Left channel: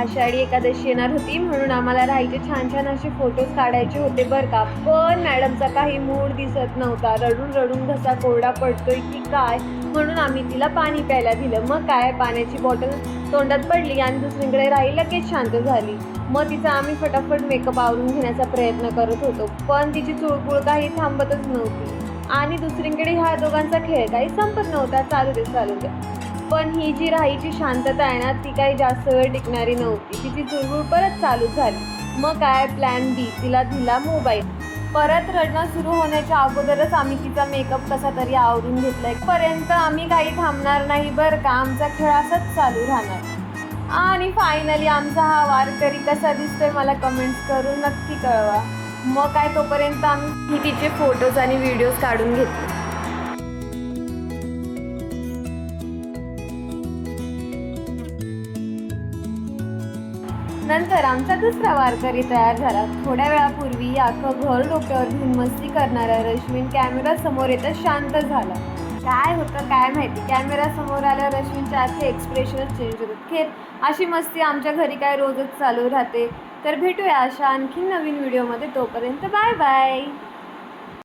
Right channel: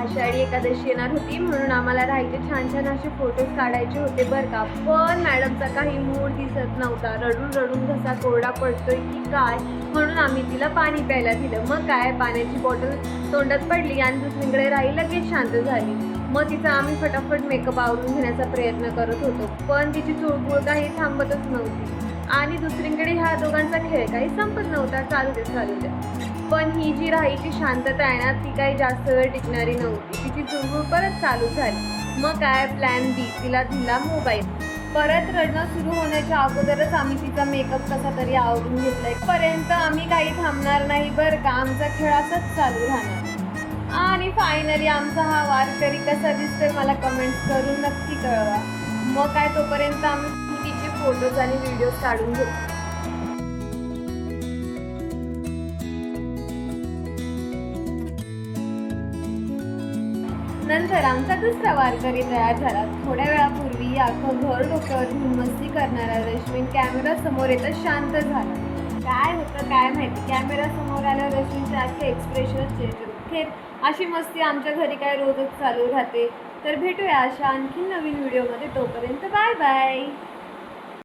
आषाढी एकादशी येणार होती म्हणून आम्हाला राहायचे छान छान असे फोटोज काढायचे होते बरं का. पण मॅडमचा काही मूड दिसत नव्हता. रडून रडून घसा कोरडा पडतोय की काय, म्हणून आम्ही तिला पाणी प्यायला दिलं. मग काय, पाण्याची बॉटल तोंडात पडली आणि दुसरीकडे राही लगेच शांत झाली. मग तिचा आम्ही फटाफट मेकअप आवरून घेण्याचा प्रयत्न करत होतो, पण तिची चुळबुळ काही थांबतच नव्हती. आणि दुसरीकडे ह्या दोघांचा खेळ काही संपत नव्हता. चालू दे. पण ही जी राहीची शांतता आहे ना, ती काही जास्त वेळ टिकणारी नव्हती. तिची चुळबुळ परत चालू झाली. मग काय, प्लॅन बी, तिला दिला मोबाईल. परत रडणं सुरू होण्याच्या अगोदरच आम्ही तिचा मेकअप कसा तरी आवरून घेतलाय. पर्यंत आम्ही काही थांबणार नाही बरं का. आमचा खेळ असाच चालू राहणार. आणि फायनली आमचा हा वारकरी कसा दिसतोय मला कमेंट्स करून नक्की कळवा. मग काय, तोपर्यंत आम्ही तिचे फोटोज आणि व्हिडिओज काढून घेतले. नंतर आमचा दुसरा वारकरी तयार झाला. थोड्या वेळापूर्वी अख्खं घर डोक्यावर घेऊन मस्ती करणारा रश्मी कॅमेरा समोर येतच शांत झाला. काय होतं काय माहिती, कॅमेरा समोर आल्या रश्मीचे आजचे एक्सप्रेशनच चेंज होते. खेर, अशी मस्ती आमच्या घरी काय रोजच चालू राहते. तर भेटूया अशा आणखी नवीन व्हिडिओमध्ये. तोपर्यंत बाय बाय.